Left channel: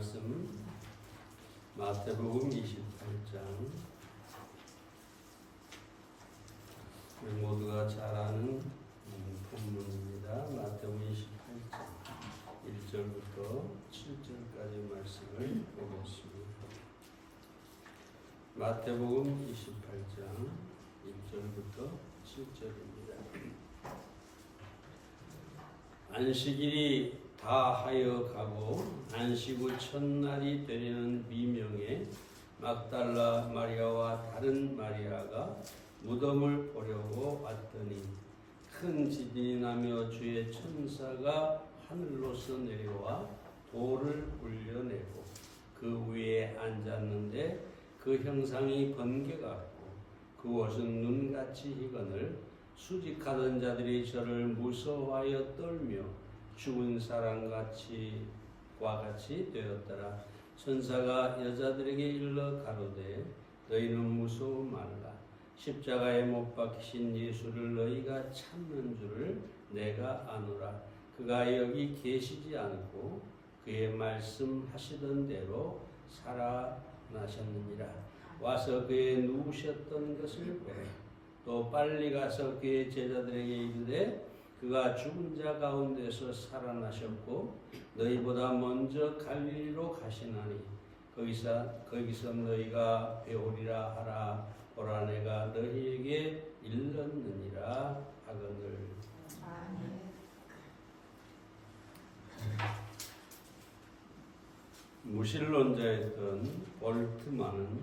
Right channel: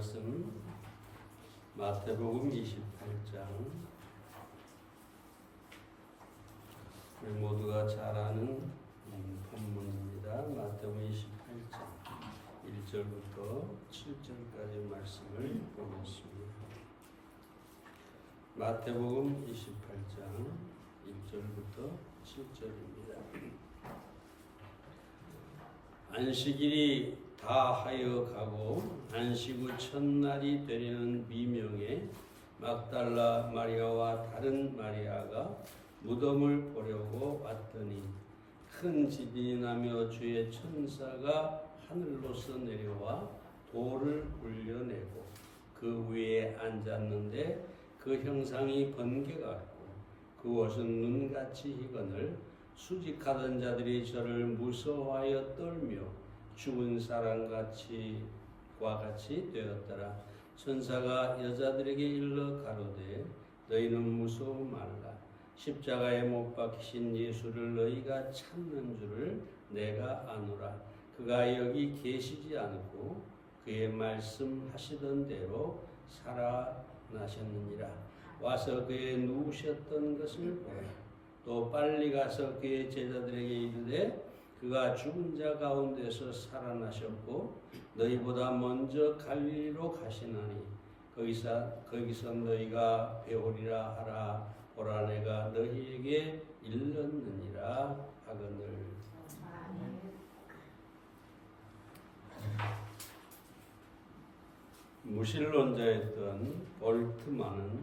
말씀 마태복음 28장. 우리 모두가 잘 아는 본문입니다. 마태복음 28장 1절부터 7절까지 말씀을 보겠습니다. 마태복음 28장 1절부터 7절입니다. 안식일이 다하여 가고 안식 후 첫날이 되려는 미명에 막달라 마리아와 다른 마리아가 무덤을 보려고 왔더니 큰 지진이 나며 주의 천사가 하늘로서 내려와 돌을 울려내고 그 위에 앉았는데 그 형상이 번개 같고 그 옷은 눈같이 희건을 수직하던 자들이 저를 무서워하여 떨며 죽은 사람같이 되었더라. 천사가 여자들에게 일러 가로되 너희는 무서워 말라. 십자가에 못 박히신 예수를 너희가 찾는 줄을 내가 아노라. 그가 여기 계시지 않고 그의 말씀하시던 대로 살아나셨느니라. 와서 그의 누우셨던 것을 보라. 또 빨리 가서 그의 제자들에게 이르되 그가 죽은 자 가운데서 살아나셨고 너희보다 먼저 갈릴리로 가시나니 거기서 너희가 배우리라 하라. 보라 내가 너희에게 일렀느니라 하거늘. 무신론자였던 볼트만은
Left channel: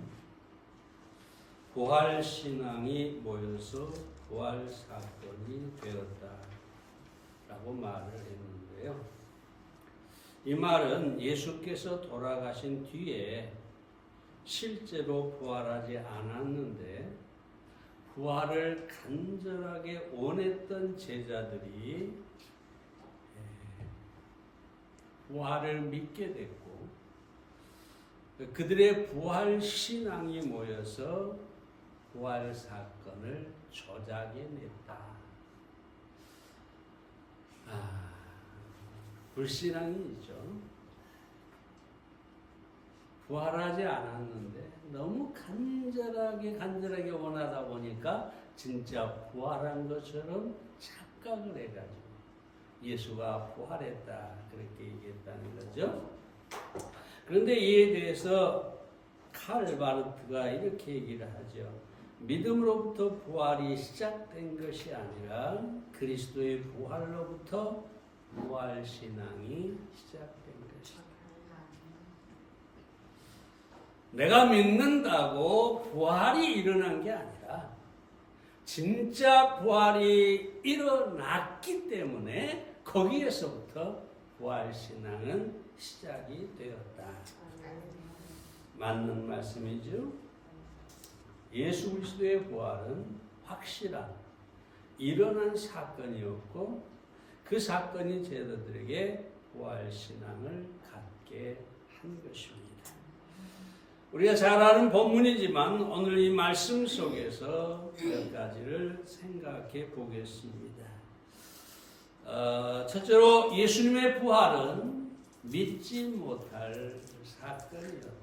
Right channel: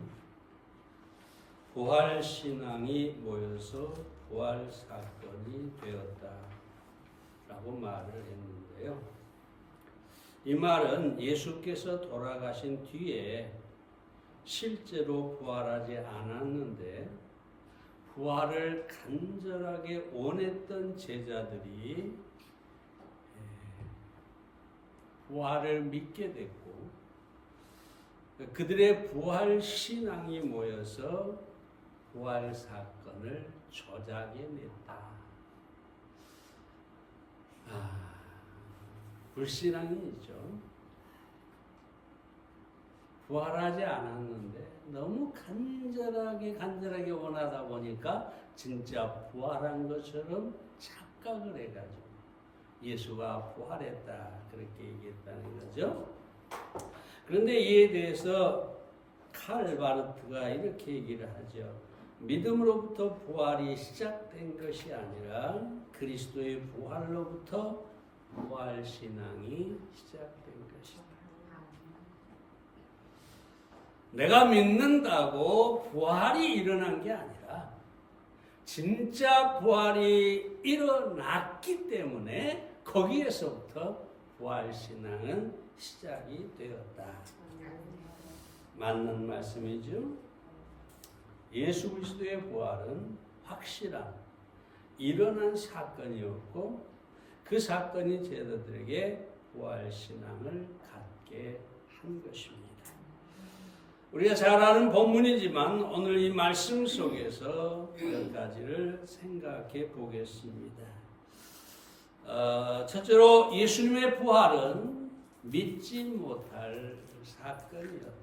부활신앙이 모여서 부활사건이 되었다 라고 말을 했는데요. 이 말은 예수께서 돌아가신 뒤에 실제로 부활하지 않았는데 부활을 간절하게 원했던 제자들이 부활을 믿게 됐고 그들의 부활신앙이 모여서 부활사건을 조작해냈다. 불신앙이죠. 부활하지 않았는데 너무 간절하게 원하다 보니까 진짜 부활한 것처럼 착각을 해가지고 예수가 부활했다 그렇게 얘기했다는 거죠. 그런데 이에 대해서 칼 바르트가 이렇게 얘기를 하죠. 믿음으로부터 부활이 시작된 것이 아니라 그리스도의 부활로부터 부활신앙이 시작된 것이다. 내가 믿는다고 부활이 일어난 게 아니라 진짜 부활이 일어났기 때문에 거기에서부터 부활신앙은 시작이 되었다. 맞는 말씀이죠. 예수 그리스도의 부활은 확실한 일어난 사건이었고 그 사건이 제자들에게 부활신앙을 갖게 한 것입니다. 우리가 잘 아는 본문이지만 오늘 이 말씀 속에서 몇 가지를 생각해 보겠습니다. 첫째로 예수님의 부활은 믿지 못할 사건이었다.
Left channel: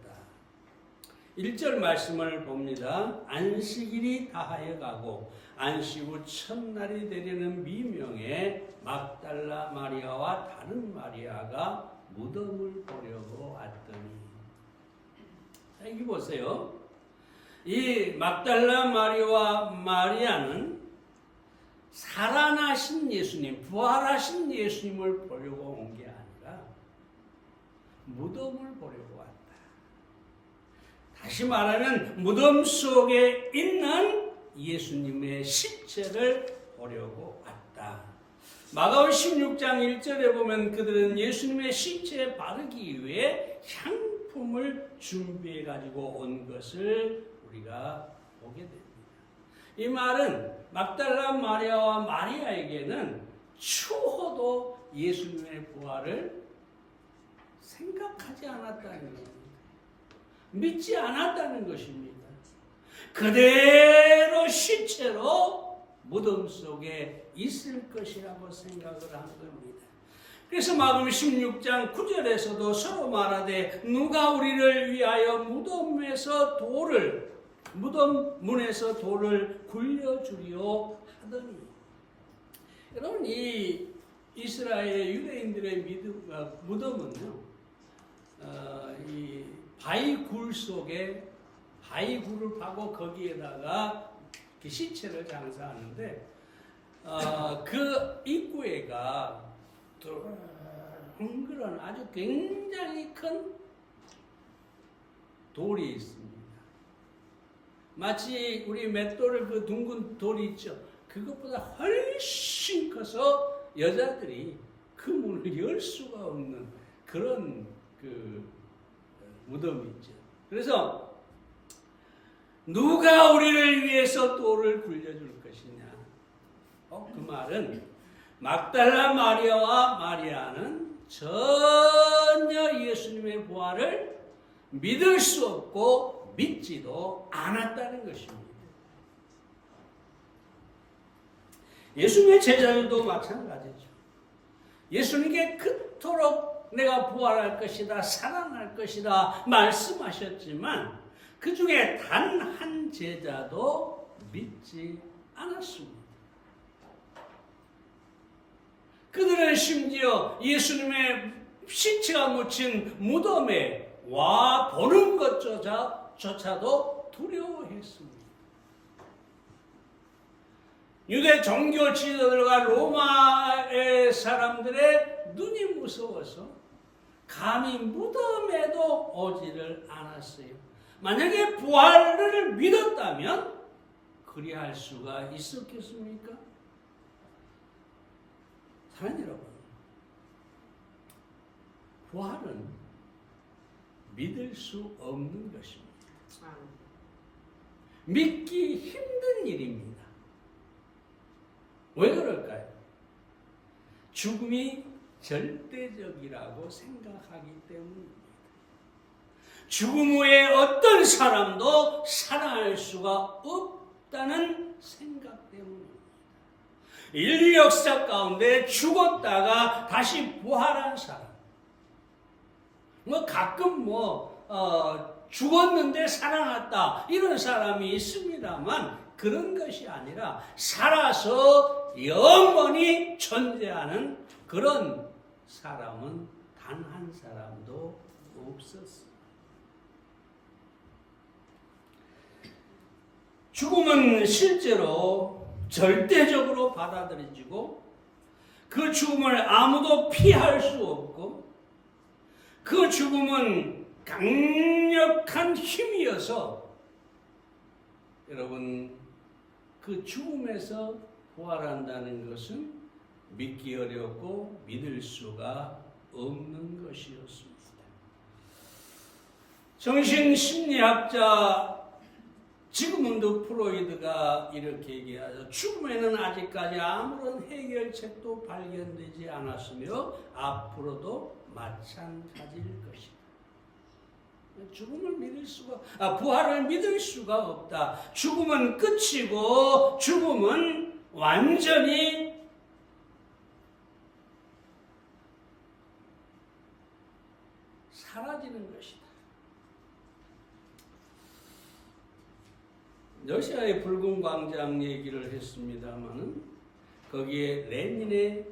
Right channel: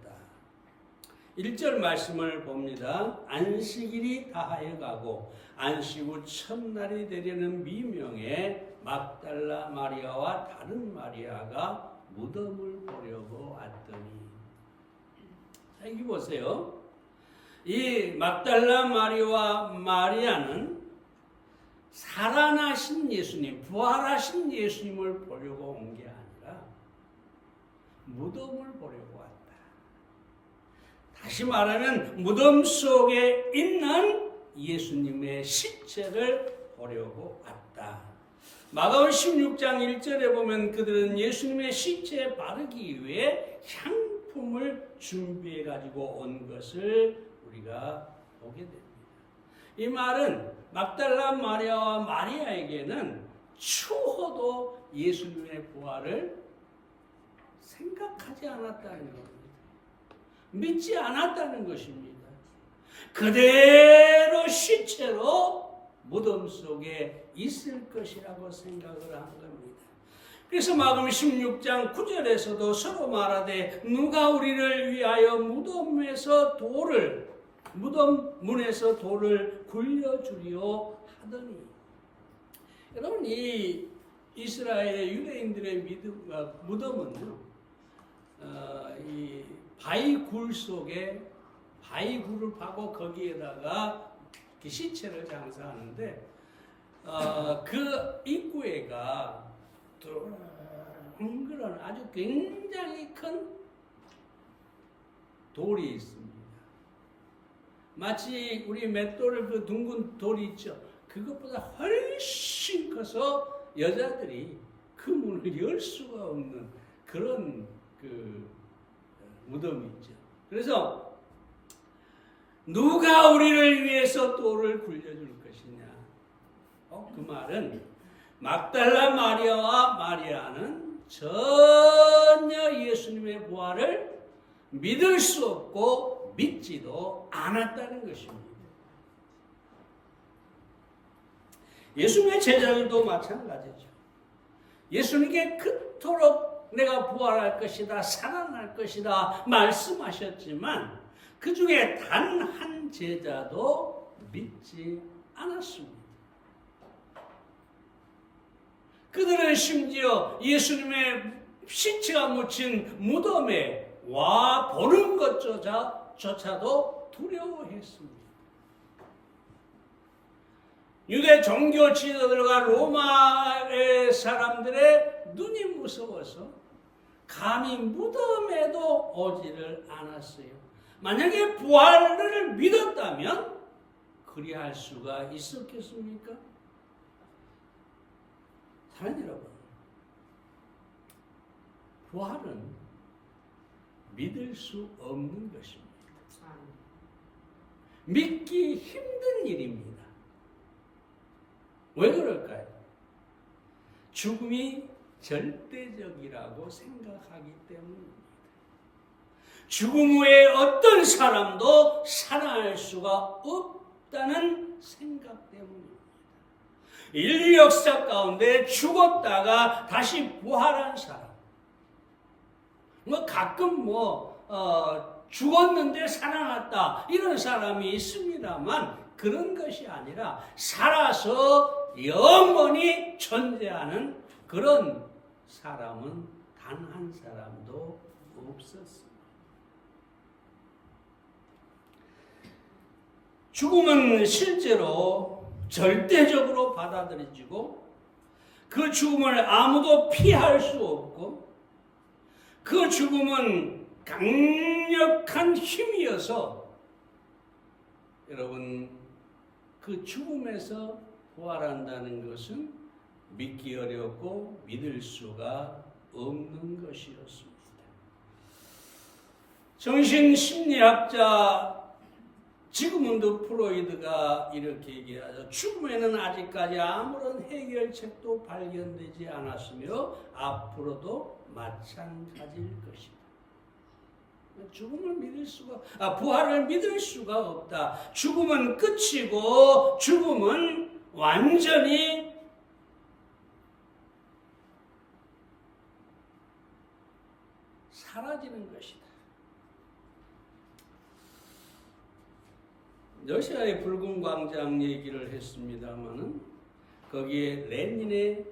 1절 말씀을 봅니다. 안식일이 다하여 가고 안식 후 첫날이 되려는 미명에 막달라 마리아와 다른 마리아가 무덤을 보려고 왔더니. 자, 여기 보세요. 이 막달라 마리아와 마리아는 살아나신 예수님, 부활하신 예수님을 보려고 온 게 아니라 무덤을 보려고 왔다. 다시 말하면 무덤 속에 있는 예수님의 시체를 보려고 왔다. 마가복음 16장 1절에 보면 그들은 예수님의 시체에 바르기 위해 향품을 준비해 가지고 온 것을 우리가 보게 됩니다. 이 말은 막달라 마리아와 마리아에게는 추호도 예수님의 부활을 생각하지 않았다는 겁니다. 믿지 않았다는 것입니다. 그대로 시체로 무덤 속에 있을 것이라고 생각을 한 겁니다. 그래서 마금 16장 9절에서도 서로 말하되 누가 우리를 위하여 무덤 문에서 돌을 굴려주리오 하더니. 여러분, 이 이스라엘 유대인들의 무덤은요, 이 바위굴 속에 바위굴을 파고 거기에다가 시체를 장사하는데, 그 입구에가 둥그런 아주 굉장히 큰 돌이 있습니다. 마치 우리 맷돌을 그 둥근 돌이 있죠. 그것보다 훨씬 커서 여자들이 그 문을 열 수가 없는 그런 그 무덤이 있죠. 그래서 누가 우리를 위해서 돌을 굴려줄 것이냐? 그 말은 막달라 마리아와 마리아는 전혀 예수님의 부활을 믿을 수 없고 믿지도 않았다는 것입니다. 예수님의 제자들도 마찬가지죠. 예수님께 그토록 내가 부활할 것이다, 살아날 것이다 말씀하셨지만 그 중에 단 한 제자도 믿지 않았습니다. 그들은 심지어 예수님의 시체가 묻힌 무덤에 와 보는 것조차도 두려워했습니다. 유대 종교 지도자들과 로마의 사람들의 눈이 무서워서 감히 무덤에도 오지를 않았어요. 만약에 부활을 믿었다면 그리할 수가 있었겠습니까? 사랑하는 여러분, 부활은 믿을 수 없는 것입니다. 믿기 힘든 일입니다. 왜 그럴까요? 죽음이 절대적이라고 생각하기 때문입니다. 죽음 후에 어떤 사람도 살아날 수가 없다는 생각 때문입니다. 인류 역사 가운데 죽었다가 다시 부활한 사람, 가끔 죽었는데 살아났다 이런 사람이 있습니다만 그런 것이 아니라 살아서 영원히 존재하는 그런 사람은 단 한 사람도 없었습니다. 죽음은 실제로 절대적으로 받아들여지고 그 죽음을 아무도 피할 수 없고 그 죽음은 강력한 힘이어서 여러분 그 죽음에서 부활한다는 것은 믿기 어렵고 믿을 수가 없는 것이었습니다. 정신심리학자 지그문드 프로이드가 이렇게 얘기하죠. 죽음에는 아직까지 아무런 해결책도 발견되지 않았으며 앞으로도 마찬가지일 것이다. 죽음을 믿을 수가, 부활을 믿을 수가 없다. 죽음은 끝이고 죽음은 완전히 사라지는 것이다. 러시아의 붉은 광장 얘기를 했습니다마는 거기에 레닌의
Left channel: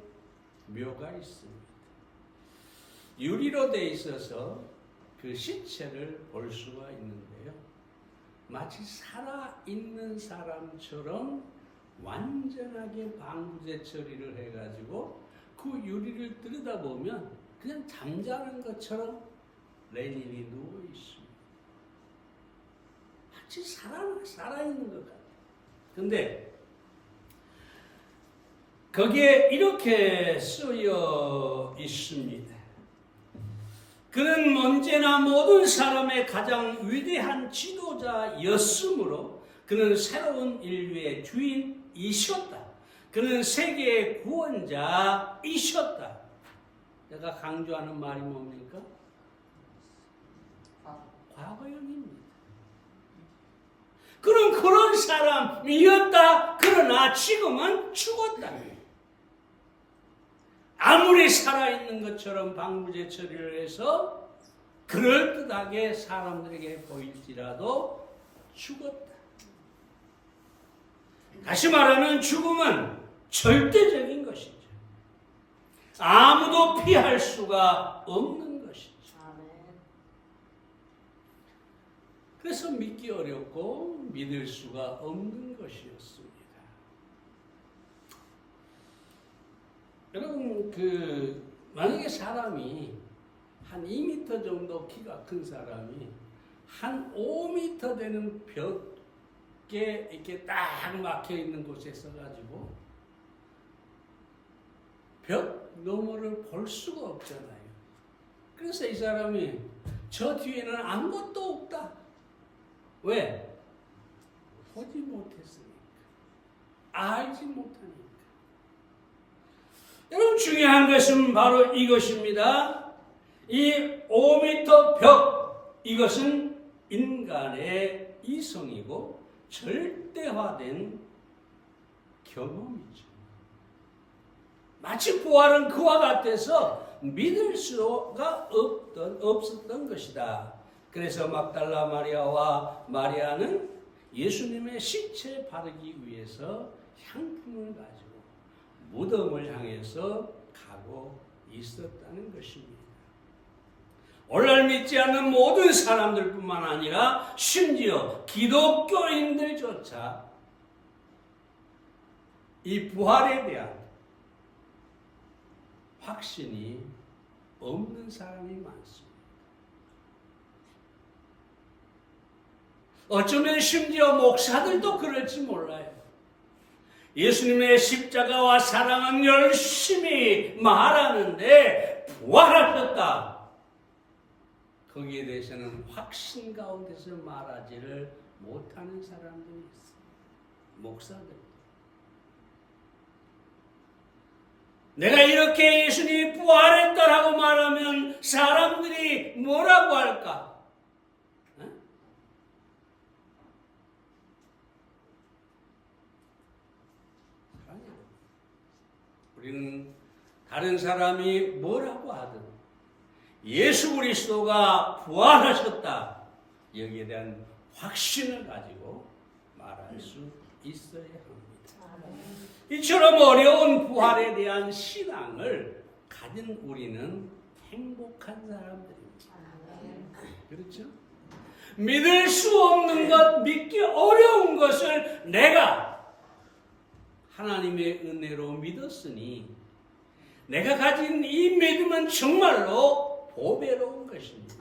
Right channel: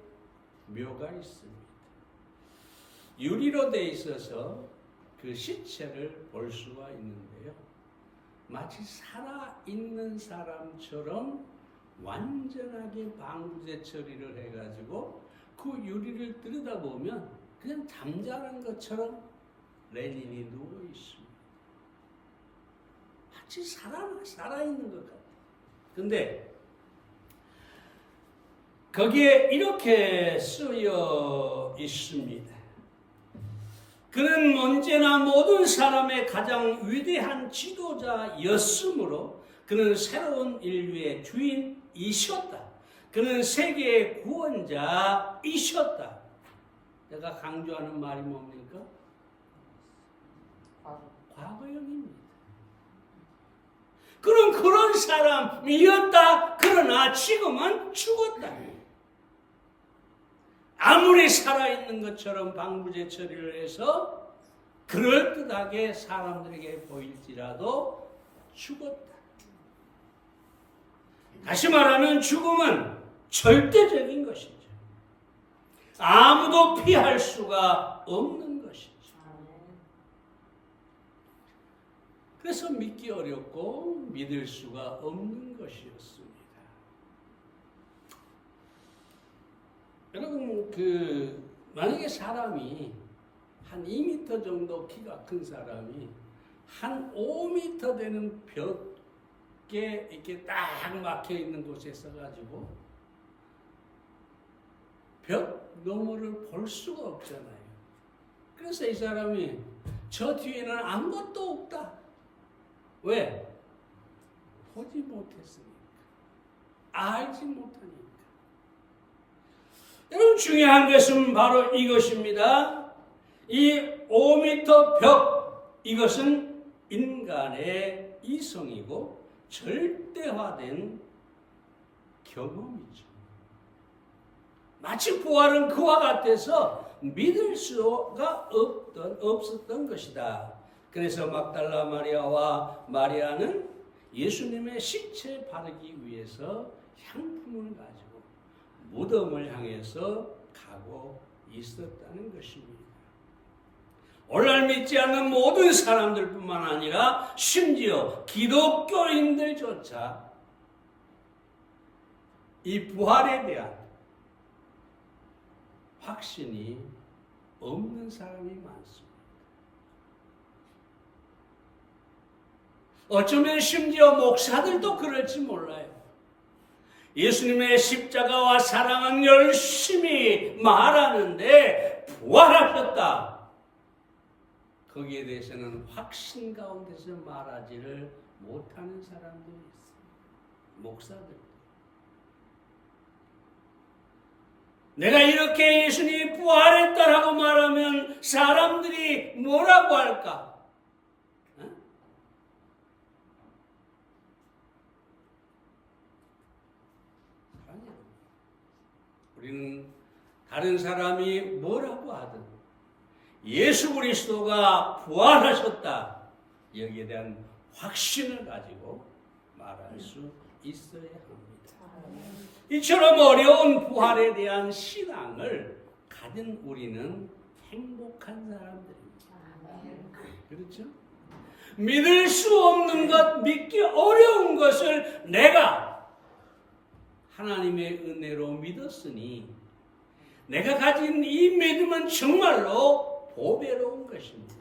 묘가 있습니다. 유리로 돼 있어서 그 시체를 볼 수가 있는데요. 마치 살아있는 사람처럼 완전하게 방부제 처리를 해가지고 그 유리를 들여다보면 그냥 잠자는 것처럼 레닌이 누워 있습니다. 마치 살아있는 것 같아요. 근데 거기에 이렇게 쓰여 있습니다. 그는 언제나 모든 사람의 가장 위대한 지도자였으므로 그는 새로운 인류의 주인이셨다. 그는 세계의 구원자이셨다. 제가 강조하는 말이 뭡니까? 과거형입니다. 그는 그런 사람이었다. 그러나 지금은 죽었다. 아무리 살아있는 것처럼 방부제 처리를 해서 그럴듯하게 사람들에게 보일지라도 죽었다. 다시 말하면 죽음은 절대적인 것이죠. 아무도 피할 수가 없는 것이죠. 그래서 믿기 어렵고 믿을 수가 없는 것이었습니다. 여러분, 만약에 사람이 한 2m 정도 키가 큰 사람이 한 5m 되는 벽에 이렇게 딱 막혀 있는 곳에 서가지고 벽 너머를 볼 수가 없잖아요. 그래서 이 사람이 저 뒤에는 아무것도 없다. 왜? 보지 못했으니까. 알지 못하니까. 여러분, 중요한 것은 바로 이것입니다. 이 5m 벽, 이것은 인간의 이성이고 절대화된 경험이죠. 마치 부활은 그와 같아서 믿을 수가 없었던 것이다. 그래서 막달라 마리아와 마리아는 예수님의 시체에 바르기 위해서 향품을 가지고 무덤을 향해서 가고 있었다는 것입니다. 오늘날 믿지 않는 모든 사람들뿐만 아니라 심지어 기독교인들조차 이 부활에 대한 확신이 없는 사람이 많습니다. 어쩌면 심지어 목사들도 그럴지 몰라요. 예수님의 십자가와 사랑은 열심히 말하는데 부활하셨다. 거기에 대해서는 확신 가운데서 말하지를 못하는 사람들이 있어요. 목사들. 내가 이렇게 예수님이 부활했다라고 말하면 사람들이 뭐라고 할까? 우리는 다른 사람이 뭐라고 하든 예수 그리스도가 부활하셨다. 여기에 대한 확신을 가지고 말할 수 있어야 합니다. 이처럼 어려운 부활에 대한 신앙을 가진 우리는 행복한 사람들입니다. 그렇죠? 믿을 수 없는 것, 믿기 어려운 것을 내가 하나님의 은혜로 믿었으니 내가 가진 이 믿음은 정말로 보배로운 것입니다.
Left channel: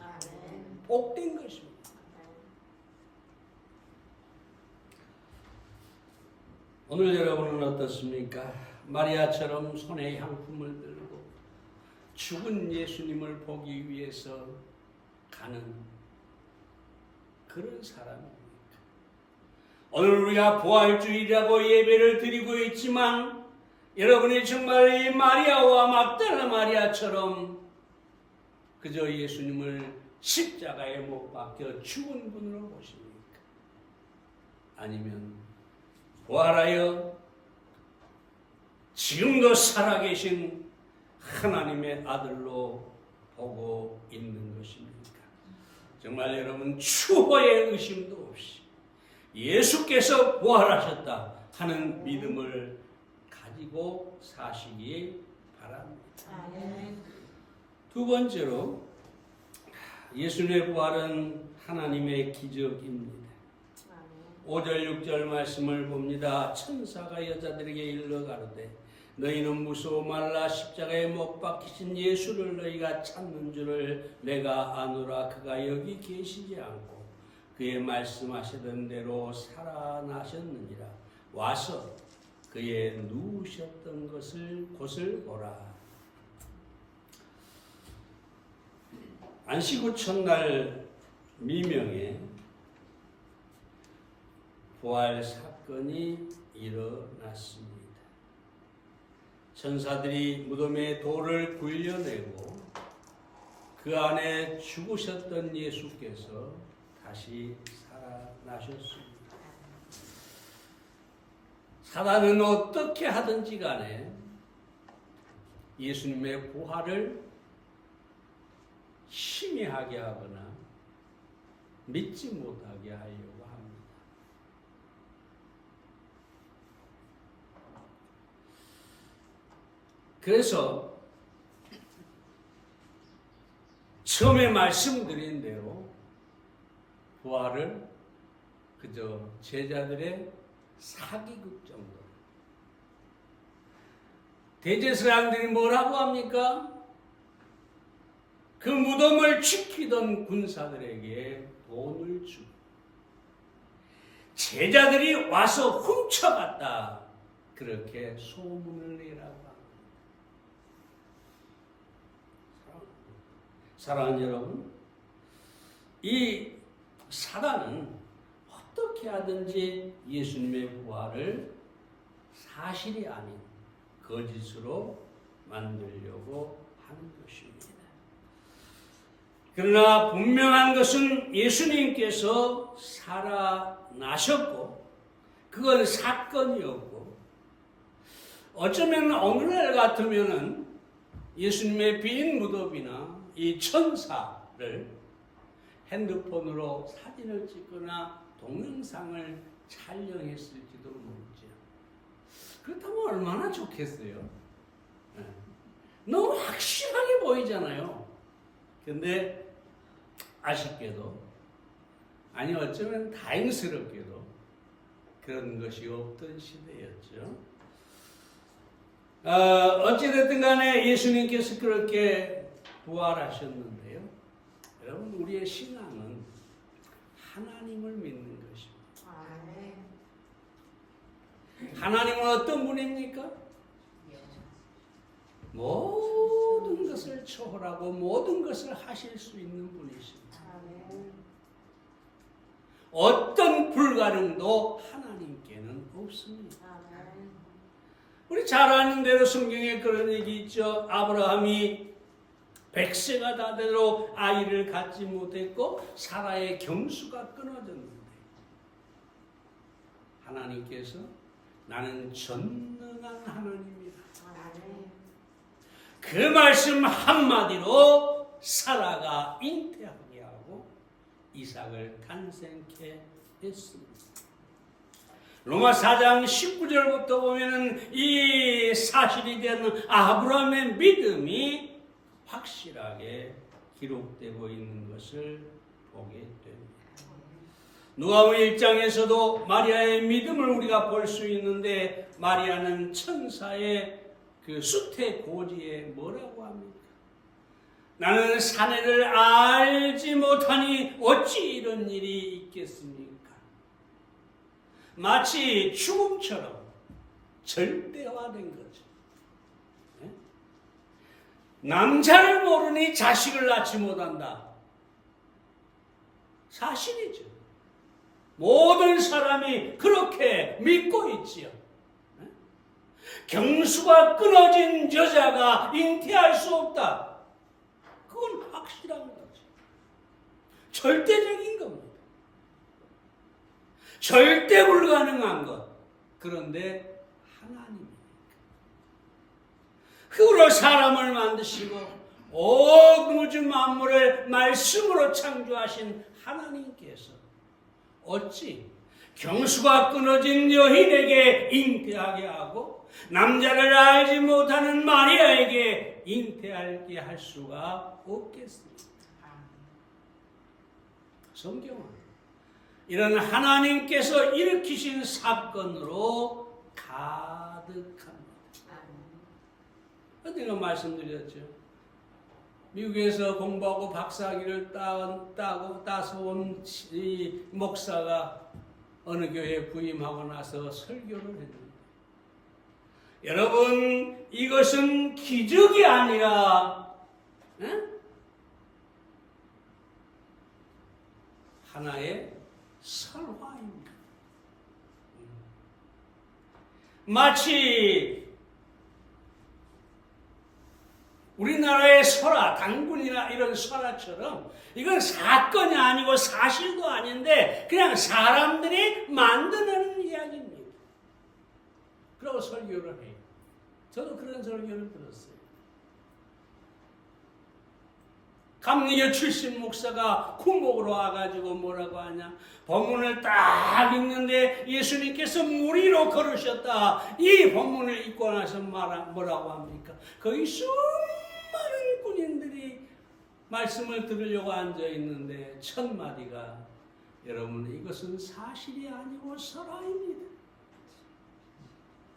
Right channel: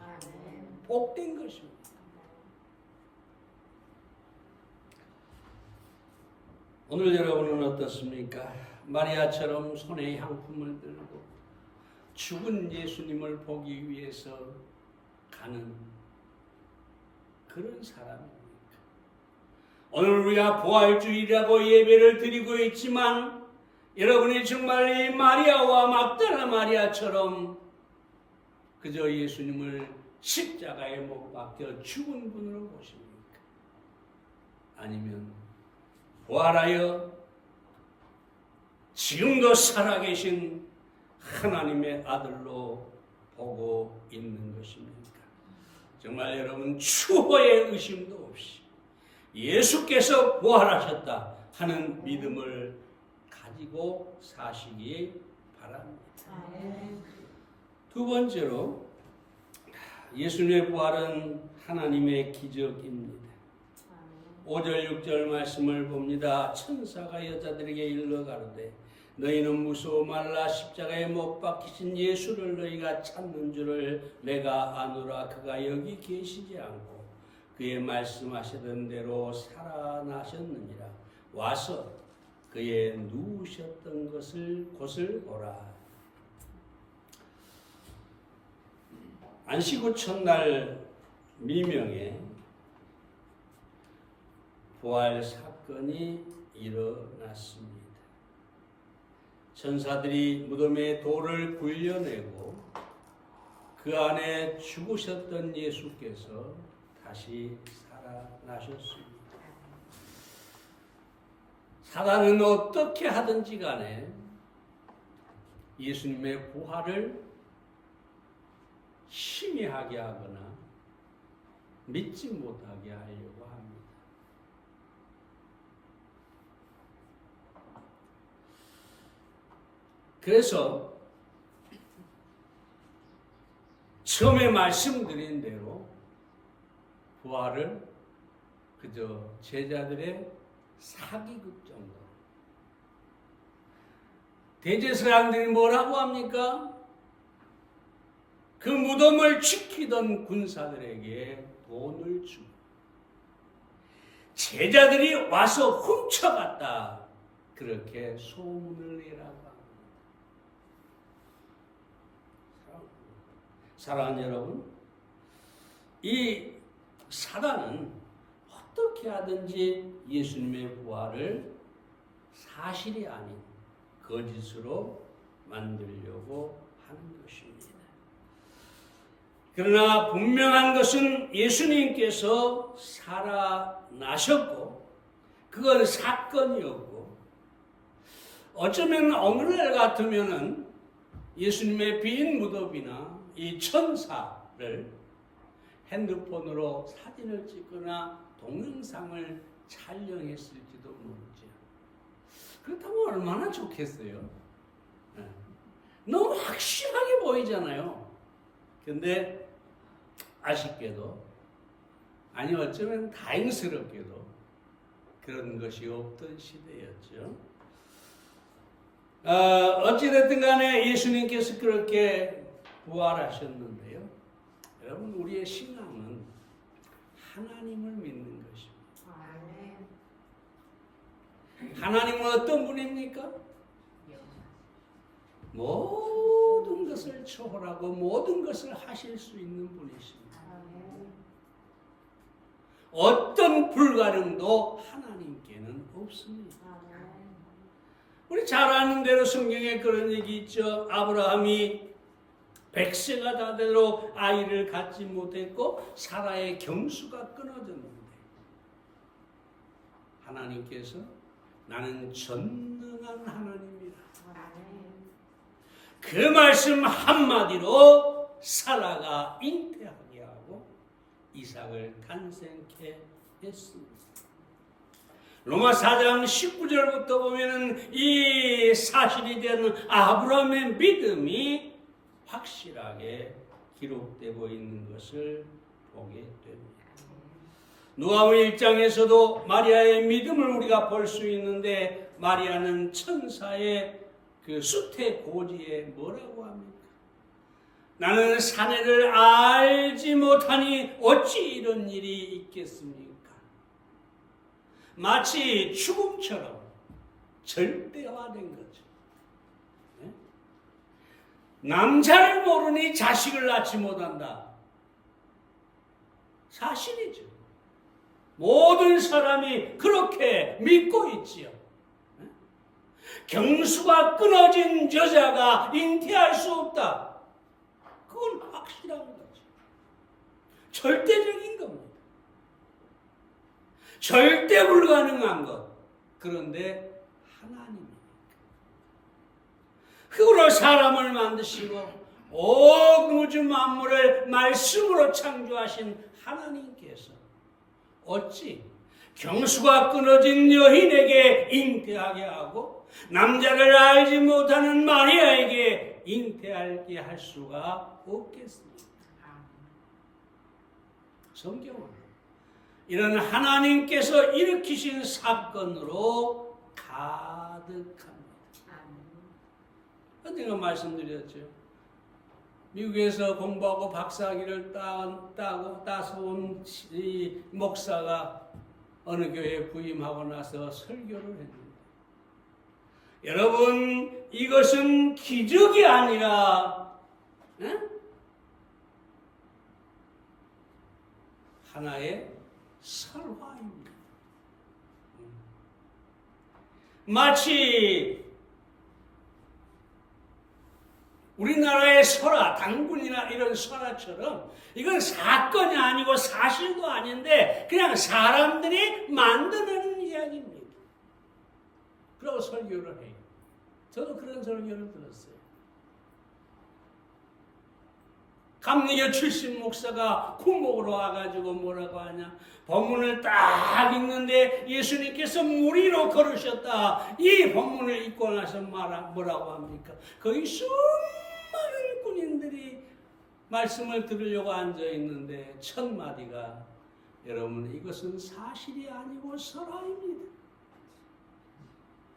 복된 것입니다. 오늘 여러분은 어떻습니까? 마리아처럼 손에 향품을 들고 죽은 예수님을 보기 위해서 가는 그런 사람입니다. 오늘 우리가 부활주일이라고 예배를 드리고 있지만 여러분이 정말 이 마리아와 막달라 마리아처럼 그저 예수님을 십자가에 못 박혀 죽은 분으로 보십니까? 아니면 부활하여 지금도 살아계신 하나님의 아들로 보고 있는 것입니까? 정말 여러분 추호의 의심도 없이 예수께서 부활하셨다 하는 믿음을 가지고 사시기 바랍니다. 두 번째로 예수님의 부활은 하나님의 기적입니다. 5절 6절 말씀을 봅니다. 천사가 여자들에게 일러 가로되 너희는 무서워 말라. 십자가에 못 박히신 예수를 너희가 찾는 줄을 내가 아노라. 그가 여기 계시지 않고 그의 말씀하시던 대로 살아나셨느니라. 와서 그의 누우셨던 곳을 보라. 안식 후 첫날 미명에 부활 사건이 일어났습니다. 천사들이 무덤에 돌을 굴려내고 그 안에 죽으셨던 예수께서 다시 살아나셨습니다. 사단은 어떻게 하든지 간에 예수님의 부활을 희미하게 하거나 믿지 못하게 하려고 합니다. 그래서 처음에 말씀드린 대로 부활을 그저 제자들의 사기극 정도. 대제사장들이 뭐라고 합니까? 그 무덤을 지키던 군사들에게 돈을 주고 제자들이 와서 훔쳐갔다. 그렇게 소문을 내라고 합니다. 사랑하는 여러분, 이 사단은 어떻게 하든지 예수님의 부활을 사실이 아닌 거짓으로 만들려고 하는 것입니다. 그러나 분명한 것은 예수님께서 살아나셨고 그건 사건이었고 어쩌면 오늘날 같으면은 예수님의 빈 무덤이나 이 천사를 핸드폰으로 사진을 찍거나 동영상을 촬영했을지도 모르죠. 그렇다면 얼마나 좋겠어요. 너무 확실하게 보이잖아요. 근데 아쉽게도 아니 어쩌면 다행스럽게도 그런 것이 없던 시대였죠. 어찌됐든 간에 예수님께서 그렇게 부활하셨는데요. 여러분 우리의 신앙은 하나님을 믿는 것입니다. 하나님은 어떤 분입니까? 모든 것을 초월하고 모든 것을 하실 수 있는 분이십니다. 어떤 불가능도 하나님께는 없습니다. 우리 잘 아는 대로 성경에 그런 얘기 있죠. 아브라함이 100세가 다 되도록 아이를 갖지 못했고 사라의 경수가 끊어졌는데 하나님께서 나는 전능한 하나님이다. 그 말씀 한마디로 사라가 잉태하게 하고 이삭을 탄생케 했습니다. 로마 4장 19절부터 보면은 이 사실이 되는 아브라함의 믿음이 확실하게 기록되고 있는 것을 보게 됩니다. 누가복음 1장에서도 마리아의 믿음을 우리가 볼 수 있는데 마리아는 천사의 그 수태 고지에 뭐라고 합니까? 나는 사내를 알지 못하니 어찌 이런 일이 있겠습니까? 마치 죽음처럼 절대화된 거죠. 네? 남자를 모르니 자식을 낳지 못한다. 사실이죠. 모든 사람이 그렇게 믿고 있지요. 네? 경수가 끊어진 여자가 잉태할 수 없다. 그건 확실한 거죠. 절대적인 겁니다. 절대 불가능한 것. 그런데 하나님이니까. 흙으로 사람을 만드시고 온 우주 만물을 말씀으로 창조하신 하나님께서 어찌 경수가 끊어진 여인에게 잉태하게 하고 남자를 알지 못하는 마리아에게 잉태하게 할 수가 없겠습니까? 성경은 이런 하나님께서 일으키신 사건으로 가득합니다. 언젠가 말씀드렸죠. 미국에서 공부하고 박사학위를 따서 온 이 목사가 어느 교회에 부임하고 나서 설교를 했는데 여러분 이것은 기적이 아니라 하나의 설화입니다. 마치 우리나라의 설화, 당군이나 이런 설화처럼 이건 사건이 아니고 사실도 아닌데 그냥 사람들이 만드는 이야기입니다. 그러고 설교를 해요. 저도 그런 설교를 들었어요. 감리교 출신 목사가 군목으로 와가지고 뭐라고 하냐? 본문을 딱 읽는데 예수님께서 무리로 걸으셨다. 이 본문을 읽고 나서 뭐라고 합니까? 거기 수많은 군인들이 말씀을 들으려고 앉아 있는데 첫 마디가 여러분 이것은 사실이 아니고 설화입니다.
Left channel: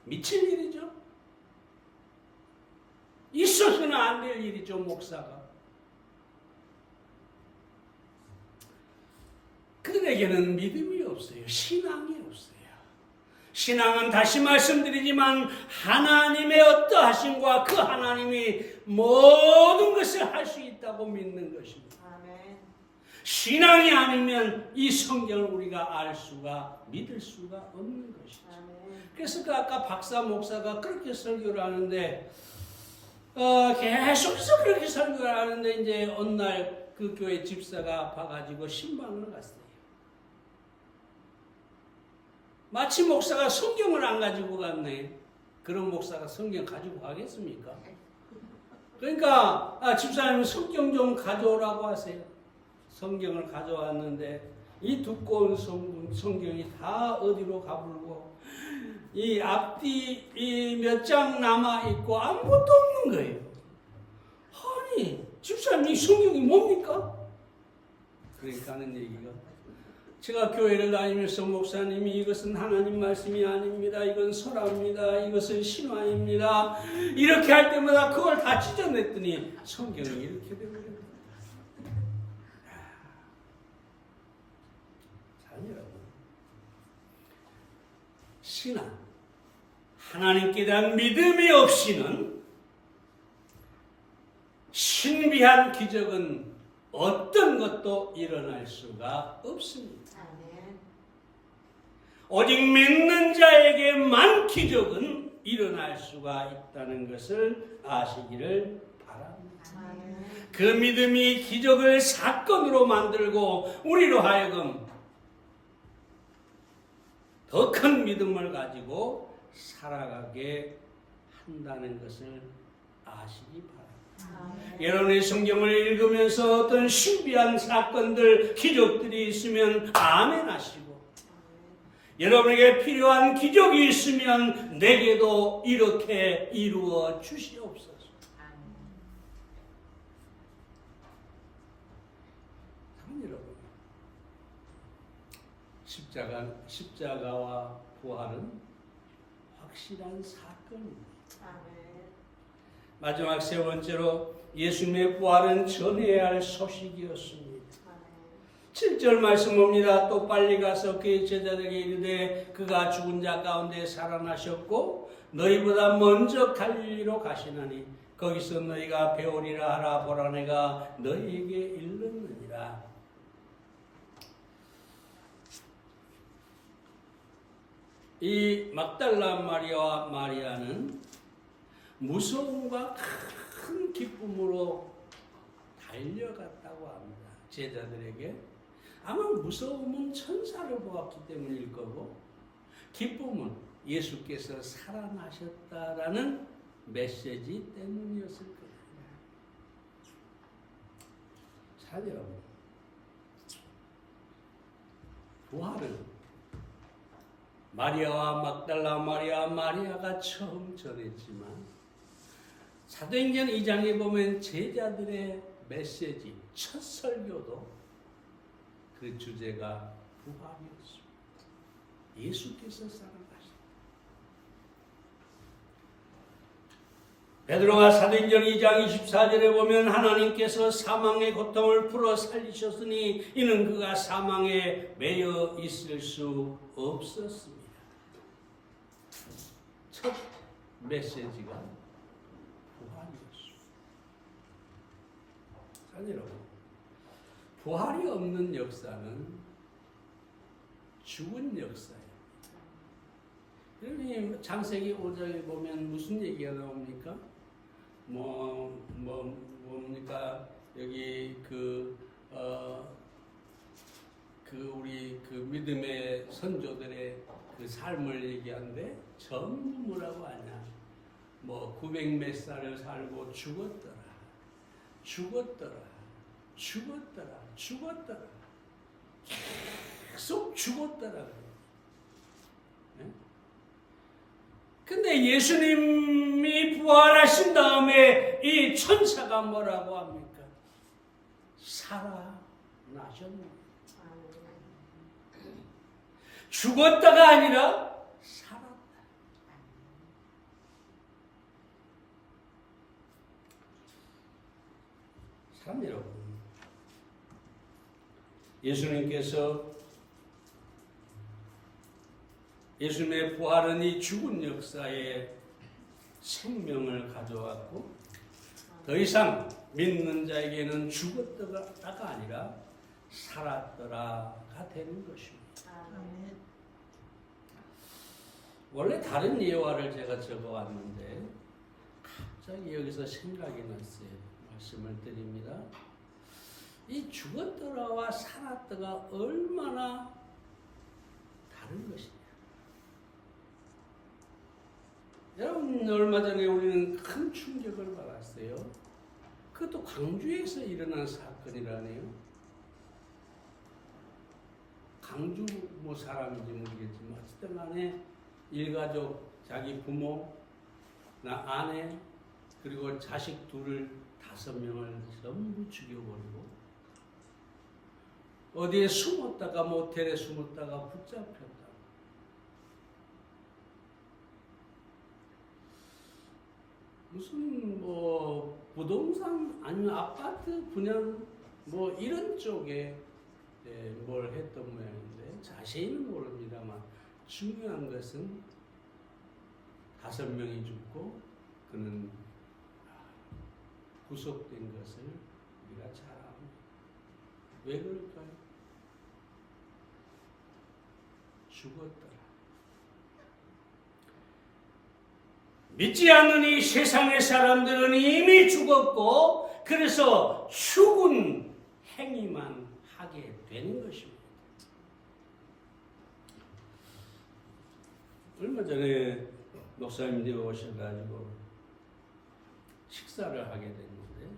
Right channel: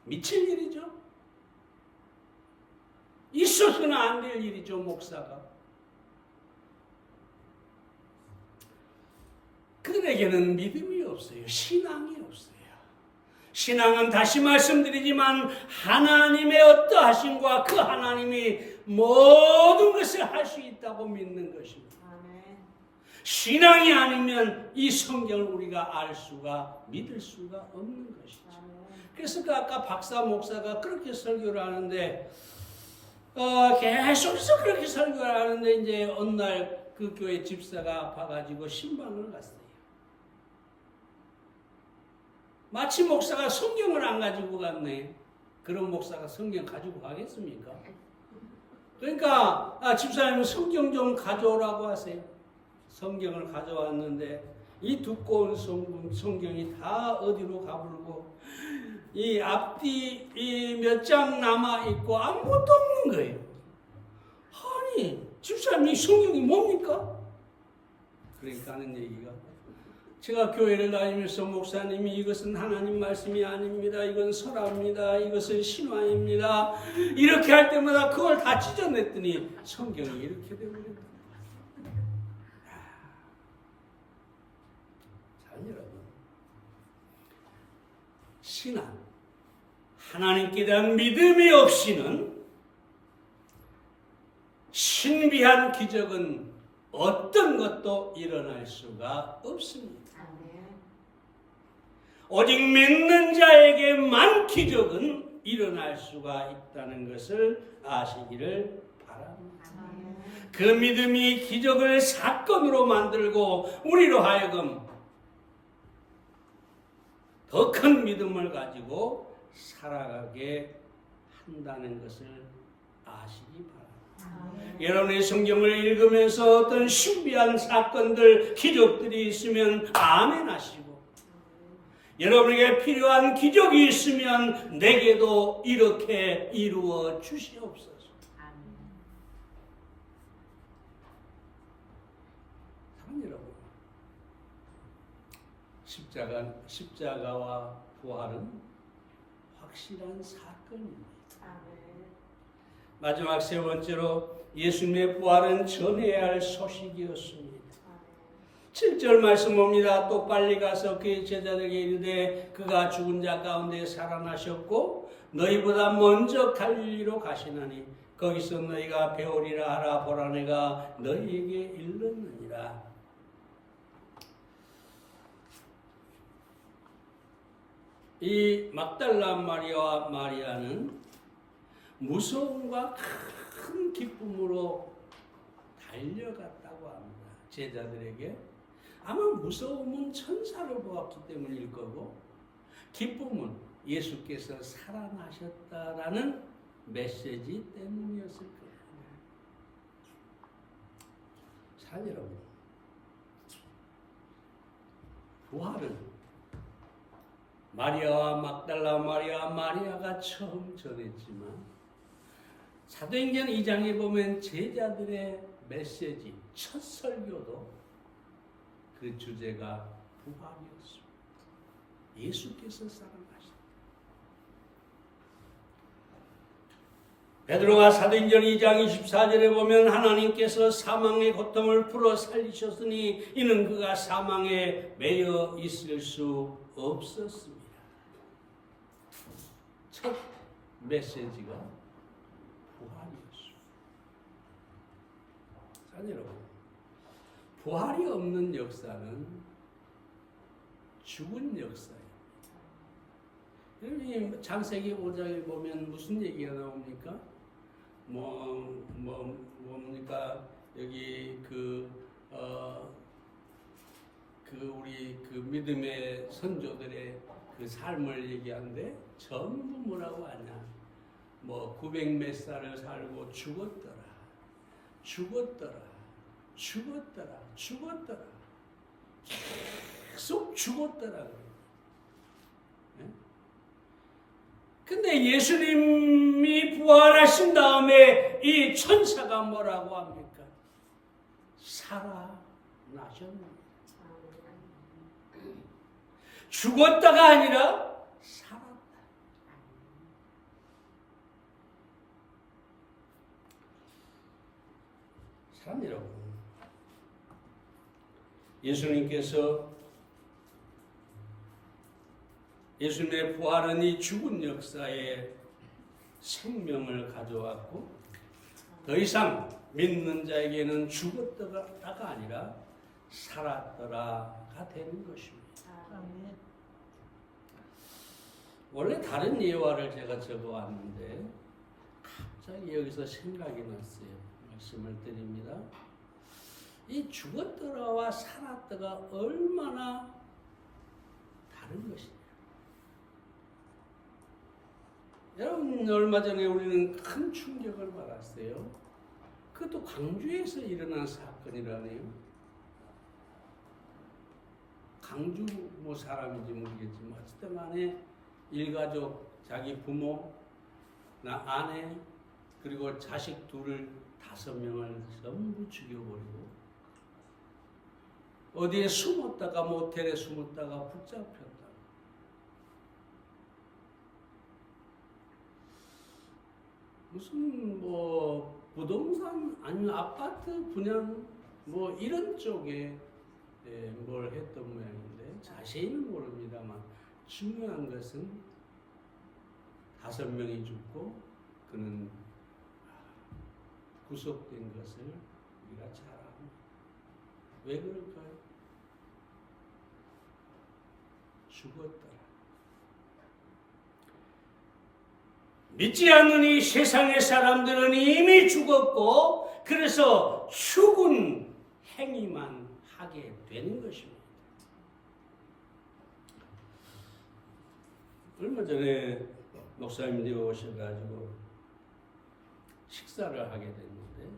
미칠 일이죠. 있어서는 안 될 일이죠, 목사가. 그들에게는 믿음이 없어요. 신앙이 없어요. 신앙은 다시 말씀드리지만 하나님의 어떠하심과 그 하나님이 모든 것을 할 수 있다고 믿는 것입니다. 신앙이 아니면 이 성경을 우리가 알 수가, 믿을 수가 없는 것이죠. 그래서 아까 박사 목사가 그렇게 설교를 하는데 계속해서 그렇게 설교를 하는데 이제 어느 날 그 교회 집사가 아파가지고 신방을 갔어요. 마치 목사가 성경을 안 가지고 갔네. 그런 목사가 성경 가지고 가겠습니까? 그러니까 집사님은 성경 좀 가져오라고 하세요. 성경을 가져왔는데 이 두꺼운 성경이 다 어디로 가불고 이 앞뒤 몇 장 남아있고 아무것도 없는 거예요. 아니 집사님 이 성경이 뭡니까? 그러니까 하는 얘기가 제가 교회를 다니면서 목사님이 이것은 하나님 말씀이 아닙니다. 이건 설화입니다. 이것은 신화입니다. 이렇게 할 때마다 그걸 다 찢어냈더니 성경이 이렇게 되버립니다. 자, 여러분. 신앙. 하나님께 대한 믿음이 없이는 신비한 기적은 어떤 것도 일어날 수가 없습니다. 오직 믿는 자에게만 기적은 일어날 수가 있다는 것을 아시기를 바랍니다. 그 믿음이 기적을 사건으로 만들고 우리로 하여금 더 큰 믿음을 가지고 살아가게 한다는 것을 아시기 바랍니다. 여러분의 성경을 읽으면서 어떤 신비한 사건들, 기적들이 있으면 아멘 하시고 여러분에게 필요한 기적이 있으면 내게도 이렇게 이루어 주시옵소서. 사랑 여러분, 십자가와 부활은 확실한 사건입니다. 마지막 세 번째로 예수님의 부활은 전해야 할 소식이었습니다. 7절 말씀 봅니다. 또 빨리 가서 그의 제자들에게 이르되 그가 죽은 자 가운데 살아나셨고 너희보다 먼저 갈릴리로 가시나니 거기서 너희가 배우리라 하라. 보라 내가 너희에게 일렀느니라. 이 막달라 마리아와 마리아는 무서움과 큰 기쁨으로 달려갔다고 합니다. 제자들에게. 아마 무서움은 천사를 보았기 때문일 거고 기쁨은 예수께서 살아나셨다라는 메시지 때문이었을 겁니다. 자, 여러분. 부활은 마리아와 막달라 마리아가 처음 전했지만 사도행전 2장에 보면 제자들의 메시지, 첫 설교도 그 주제가 부활이었습니다. 예수께서 살아나셨다. 베드로가 사도행전 2장 24절에 보면 하나님께서 사망의 고통을 풀어 살리셨으니 이는 그가 사망에 매여 있을 수 없었습니다. 첫 메시지가 부활이었습니다. 자, 여러분, 부활이 없는 역사는 죽은 역사예요. 여러분, 창세기 5장에 보면 무슨 얘기가 나옵니까? 뭡니까? 여기 우리 믿음의 선조들의 그 삶을 얘기하는데 전부 뭐라고 하냐? 900 몇 살을 살고 죽었더라. 죽었더라. 계속 죽었더라. 근데 예수님이 부활하신 다음에 이 천사가 뭐라고 합니까? 살아나셨나? 죽었다가 아니라 살았다. 사람 여러분, 예수님의 부활은 이 죽은 역사에 생명을 가져왔고 더 이상 믿는 자에게는 죽었다가 아니라 살았더라가 되는 것입니다. 원래 다른 예화를 제가 적어왔는데 갑자기 여기서 생각이 났어요. 말씀을 드립니다. 이 죽었더라와 살았더가 얼마나 다른 것이냐. 여러분, 얼마 전에 우리는 큰 충격을 받았어요. 그것도 광주에서 일어난 사건이라네요. 광주 사람인지 모르겠지만 어쨌든 간에 일가족, 자기 부모, 아내, 그리고 자식 둘을 5명을 전부 죽여버리고 어디에 숨었다가 모텔에 숨었다가 붙잡혔다. 무슨 부동산 아니면 아파트 분양 이런 쪽에 뭘 했던 모양인데 자세히는 모릅니다만 중요한 것은 5명이 죽고 그는 구속된 것을 우리가 잘 압니다. 왜 그럴까요? 죽었더라. 믿지 않는 이 세상의 사람들은 이미 죽었고 그래서 죽은 행위만 하게 되는 것입니다. 얼마 전에 목사님들이 오셔가지고 식사를 하게 됐는데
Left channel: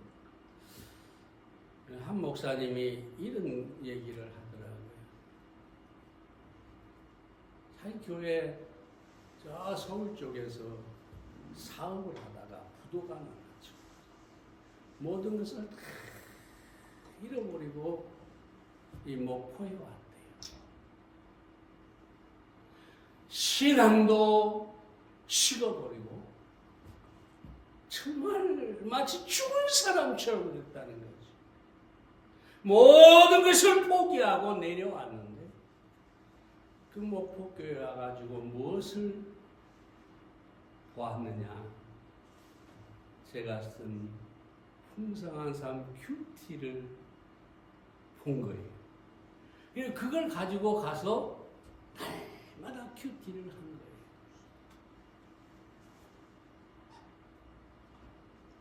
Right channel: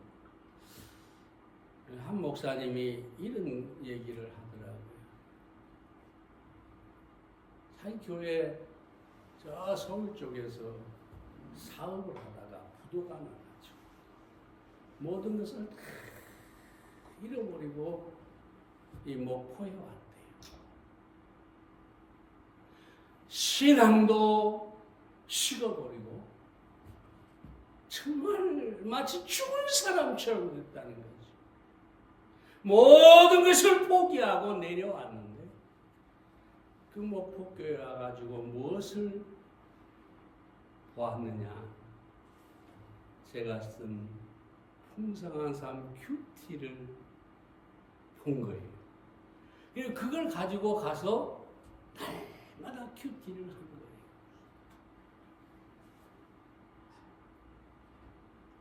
한 목사님이 이런 얘기를 하더라고요. 자기 교회 저 서울 쪽에서 사업을 하다가 부도가 나가지고 모든 것을 다 잃어버리고 이 목포에 왔대요. 신앙도 식어버리고 정말 마치 죽은 사람처럼 됐다는 거죠. 모든 것을 포기하고 내려왔는데 그 목포교회 와가지고 무엇을 보았느냐? 제가 쓴 풍성한 삶 큐티를 본 거예요. 그걸 가지고 가서 날마다 큐티를 한 거예요.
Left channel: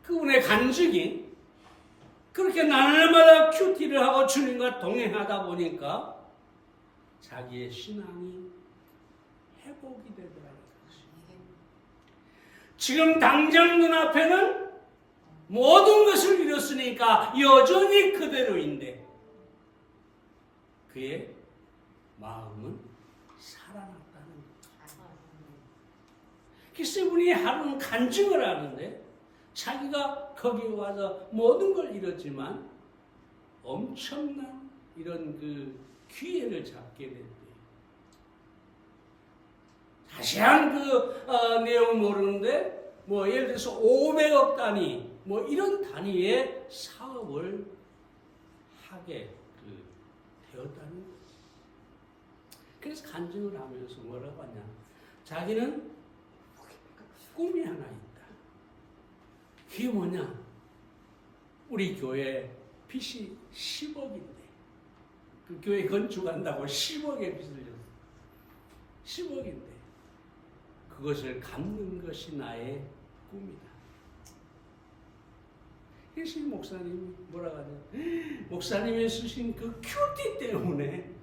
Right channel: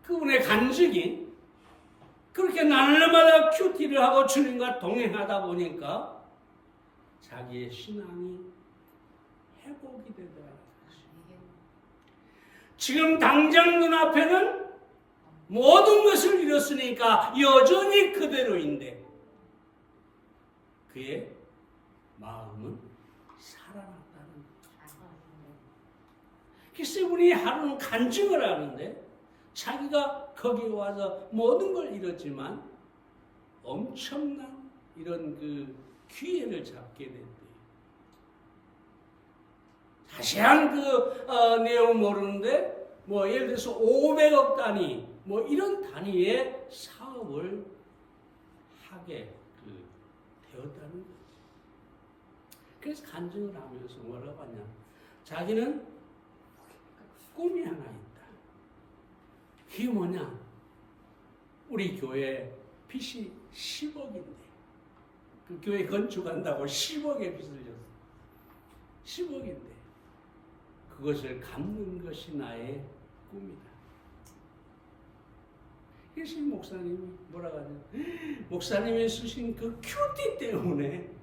그분의 간증이 그렇게 날마다 큐티를 하고 주님과 동행하다 보니까 자기의 신앙이 회복이 되더라고요. 지금 당장 눈앞에는 모든 것을 잃었으니까 여전히 그대로인데 그의 마음은 살아났다는 거죠. 그래서 이분이 하루는 간증을 하는데 자기가 거기에 와서 모든 걸 잃었지만 엄청난 이런 그 기회를 잡게 됐대요. 자세한 내용 모르는데 예를 들어서 500억 단위 이런 단위의 사업을 하게 되었다는 거죠. 그래서 간증을 하면서 뭐라고 하냐? 자기는 꿈이 하나 있다. 그게 뭐냐? 우리 교회 빚이 10억인데 그 교회 건축한다고 10억의 빚을 졌어. 10억인데 그것을 갚는 것이 나의 꿈이다. 그래서 목사님이 뭐라고 하냐? 목사님이 쓰신 그 큐티 때문에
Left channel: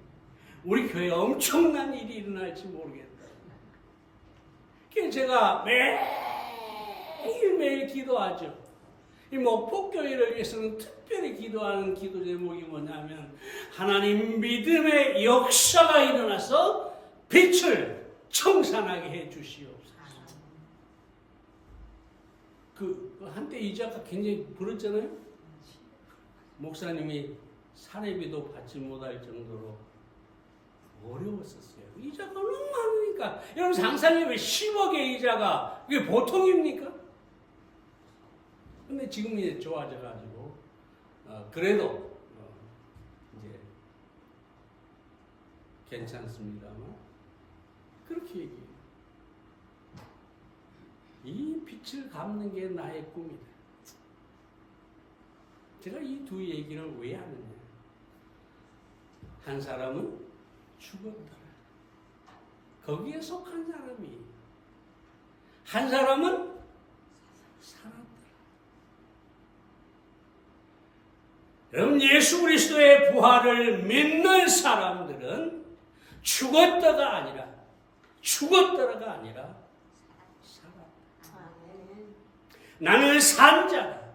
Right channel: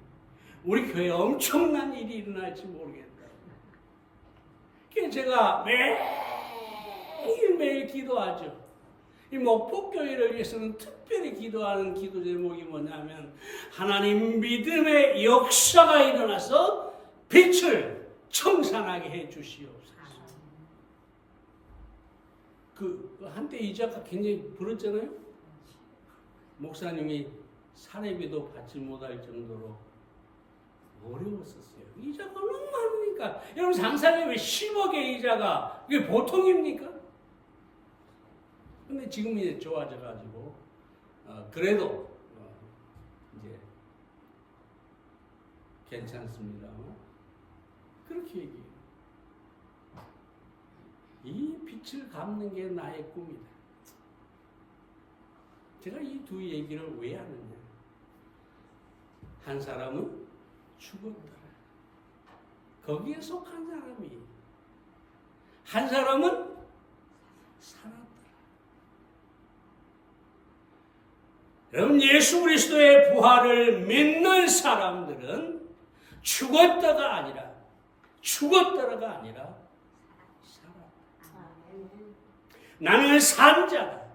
우리 교회에 엄청난 일이 일어날지 모르겠다. 그래서 제가 매일매일 기도하죠. 이 목포교회를 위해서는 특별히 기도하는 기도 제목이 뭐냐면 하나님 믿음의 역사가 일어나서 빛을 청산하게 해 주시옵소서. 그 한때 이 작가 굉장히 부르잖아요. 목사님이 사례비도 받지 못할 정도로 어려웠었어요. 이자가 너무 많으니까. 여러분 상상해보면 10억의 이자가 그게 보통입니까? 근데 지금 이제 좋아져가지고 그래도 이제 괜찮습니다만 그렇게 얘기해요. 이 빛을 갚는 게 나의 꿈이다. 제가 이 두 얘기를 왜 하느냐. 한 사람은 죽었더라. 거기에 속한 사람이. 한 사람은 살았더라. 여러분 예수 그리스도의 부활을 믿는 사람들은 죽었다가 아니라 살았다. 나는 산 자다.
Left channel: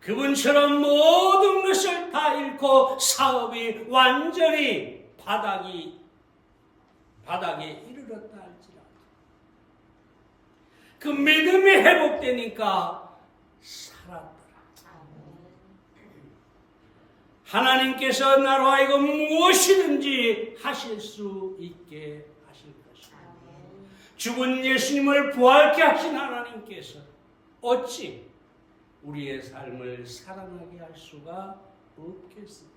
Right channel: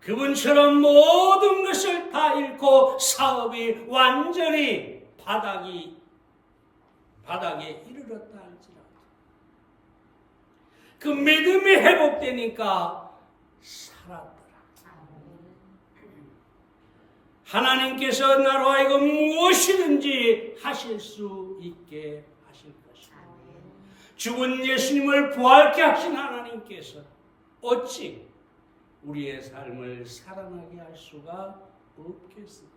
그분처럼 모든 것을 다 잃고 사업이 완전히 바닥에 이르렀다 할지라도 그 믿음이 회복되니까 살았더라. 하나님께서 나로 하여금 무엇이든지 하실 수 있게 하실 것이다. 죽은 예수님을 부활케 하신 하나님께서 어찌 우리의 삶을 살아나게 할 수가 없겠습니다.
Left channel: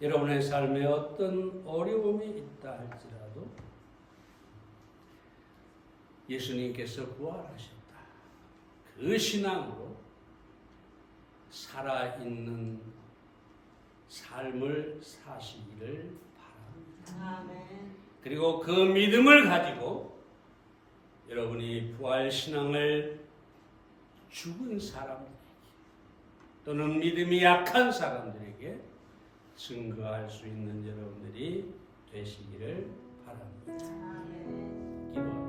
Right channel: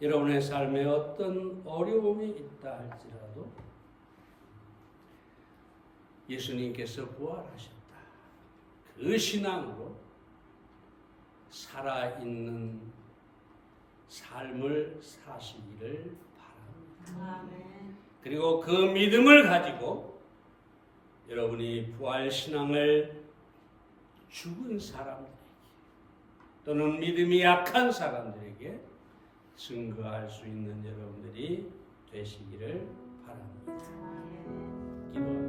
여러분의 삶에 어떤 어려움이 있다 할지라도 예수님께서 부활하셨다. 그 신앙으로 살아있는 삶을 사시기를 바랍니다. 그리고 그 믿음을 가지고 여러분이 부활신앙을 죽은 사람들에게 또는 믿음이 약한 사람들에게 증거할 수 있는 여러분들이 되시기를 바랍니다. 기도합니다.